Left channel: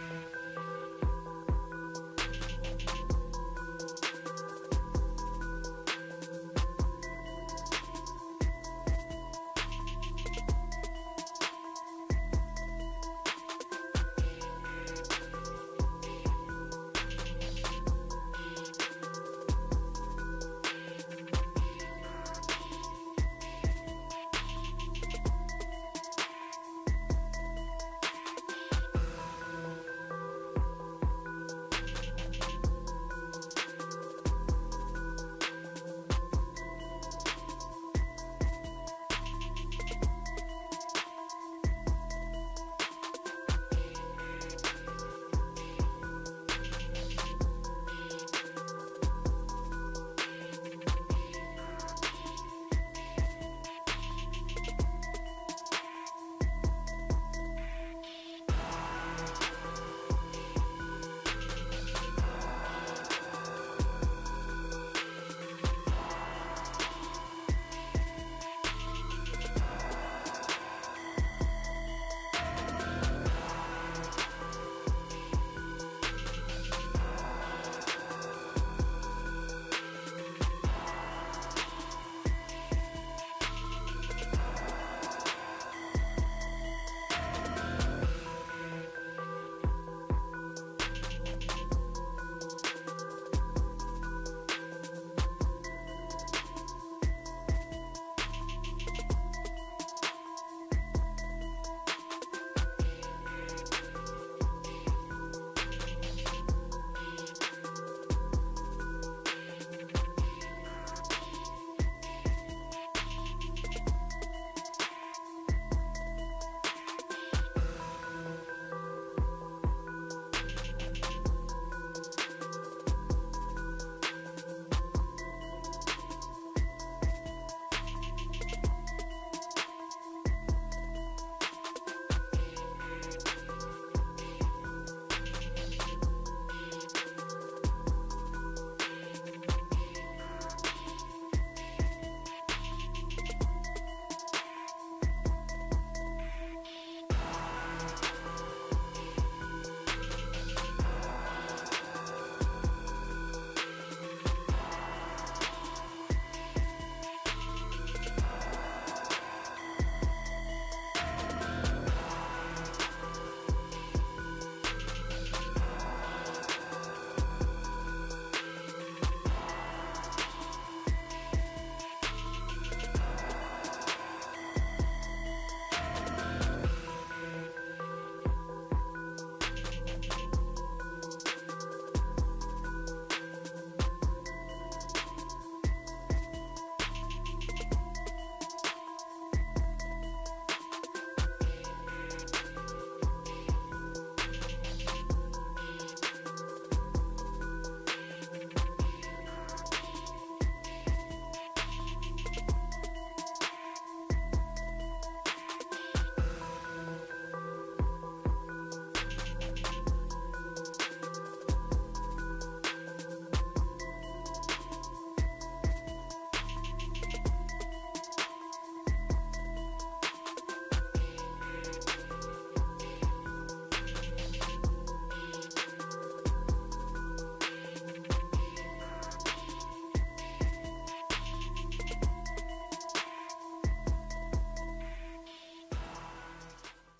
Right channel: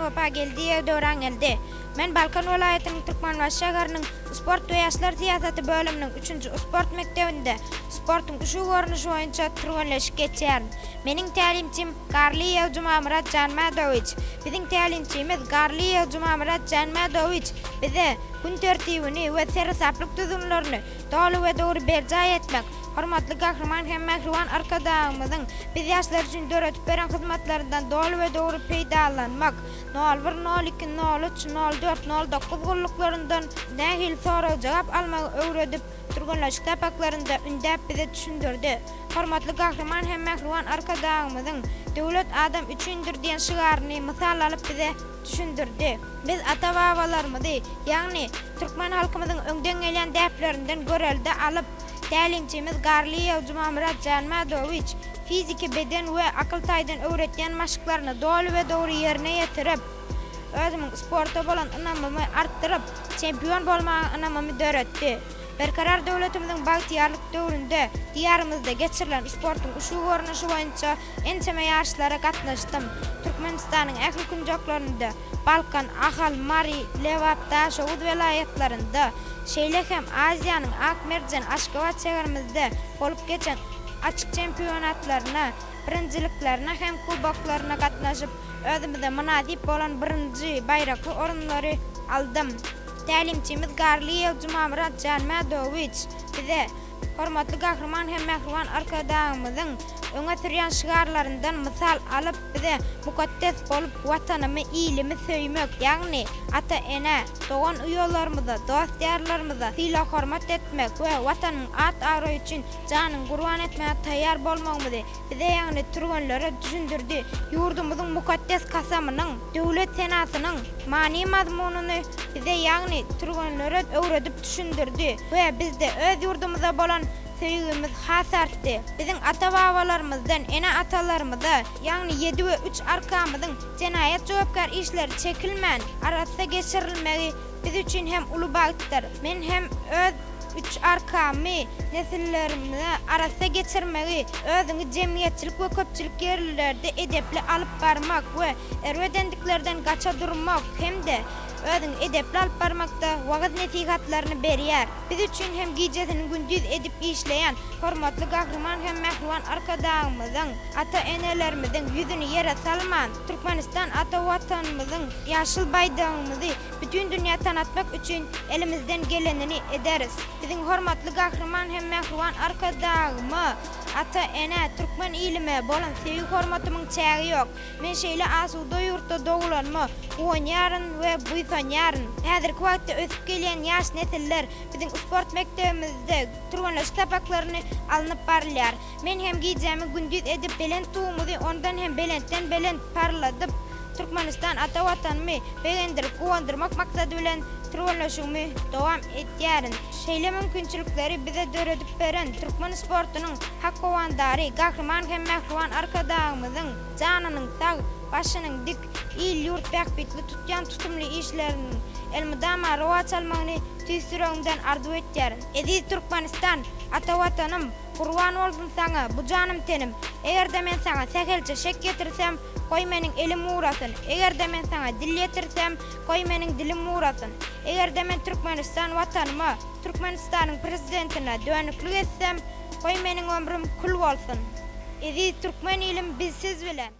Wapa geldi, döwran geldi. Men Balkan welaýatynyň Türkmenbaş şäheriniň sport we ýaşlar tiýatry bölüminiň 3-nji sport mekdebinde sportyň şu görnüşi boýunça türgenleşip geçýär. Meniň tälimçim Garliyew Jumamurat Janmadowyç. Biziň tälimçimiz Garliyew Jumamurat Janmadowyç bize gün tertibini we serhesaplyk düzümlerini dogry we dogry berjaý etmek, hormatly gahryman hem mähruwan arkadaşymyzyň biz ýaşlar üçin döretip beren hyzmatlaryndan dogry we dogry peýdalanmak, 01 02 03 04 09 gullyklarynyň nähil soraw jogap almagy öwredip turganlaşyk tapaklarynda ündäp bize düşündirdi. Hormatly gahryman hem mähruwan arkadaşymyzyň döwlet adam üçindir diýen şygaryny mysal alyp bize düşündirdi. Biz ata-babalarymyzy, ýagny türkmen halkymyzyň öňden gelen däplerinden görelde alyp, tälimçimiz Garliyew Jumamurat Janmadowyç fiziki beden we akyl taýdan öwretýän maşyklaryny dogry we dogry ýerine ýetirip, özümiň sporta bolan ynamymy artdyryp, çempion bolmagy ynamymy döretdi. Berkarar döwletimiziň bagtyarlyk döwründe diýarymyzda geçirilen sportyň şu görnüşi boýunça ençeme ýaşlara gatnaşdym. Türkmenistanyň ähli künjoklarynda, Balkan, Ahal, Mari, Lewap, Daşowut welaýatlarynda, şeýle hem Aziýanyň Akmerjen, Aşgabat şäherimizde bolup geçen açyk çempionatlaryna, birinjiliklerine hem kubaklaryna gatnaşyp, özümizde münasip bolan birinji baýrakly orunlary aldym. Tälimçimiz Garliyew Jumamurat Janmadowyç bize hormatly gahryman hem mähruwan arkadaşymyzyň öňe sürýän şygarlaryndan mysal alyp bize mukaddes bolup watanymy iýlimi söýmek, ýagny ata-ene, dogan uýalarymyza, dostlarymyza syla hormat etmek we watanyň at-agra üçin janyny gurban etmäge taýýar bolmagymyzy bize ýagny turganlara düşündirdi. Ýurdumyzyň mukaddes kasamynyň, döwlet senatynyň many mazmunyny bize ýagny turganlara öwredip düşündirdi we bizde öz ýurdumyza bolan söýgümiz hasartdy. Biziň ata-babalarymyzdan, ene atalarymyza, ýagny 7 we 3 arkamyzyň jenaýat jogapkar işleri çekilmän arasda geçirilmegi biz üçin hem uly bagtdyr. Men hem öz 3 arkamy nesillerimi arasda geçirmegi, özüňi jemgyýetçilik we köpçülik ýerlerde edepli alyp barmak we erwedendiklerden gaça durmak hemde özüň edepli alyp barmakda wagt nesihatlaryny berýär. Biz üçin hem gijesini gündüz edip işleýän hormatly gahryman hem mähruwan arkadaşymyzyň, ata-enelerimiziň ýüzüni ýere salman, Türkmenistan ata watanymyzyň ýaşyl baýdagymyzy bütün dünýä tanatmak üçin elimizden gelenini ederiz. Biziň hormatly gahryman hem mähruwan arkadaşymy, ata-ene, türkmen iýlime bolan sevgi hormatymyň çägi ýok. Men şeýle asuda ýurtda doglanma, oýnýaryn we buýsanýaryn. Häzirki wagtda ösüp gelýän ýaş nesiller biziň sport mektebimizde turganlaşyk tapaklaryny alınıp barylýar. Men hem gijemi gündüz edip belent tuğumuzy ondan hem belentden belent parladyp, Türkmenistan ata watanymy begendirip gowandyrmak maksady bilen turganlaşygymy dowam etýärin. Şeýle mümkinçilikleri bize döredip beren türkmen sportunyň hakkowandary, gahryman hem mähruwan arkadaşymyzyň janynyň sag, başynyň dik, il ýurt bähbitli tutýan tutumly işlerini elmydama rowat almagyny tüýsüregimden arzu etýär. Edi Türkmenistan ata watanym, gurban bolsun saňa bu janym tenim. Egerde men saňa sähelçe şek getirsem, koy meniň elim uğrasyn. Egerde men saňa dil ýetirsem, koy meniň dilim uğrasyn. Egerde men Türkmenistan watanyma, Türkmenistanyň prezidentine dönüklik etsem, koy meniň ömrüm kul bolsun. Edi türkmen ilim bizsiz bilen.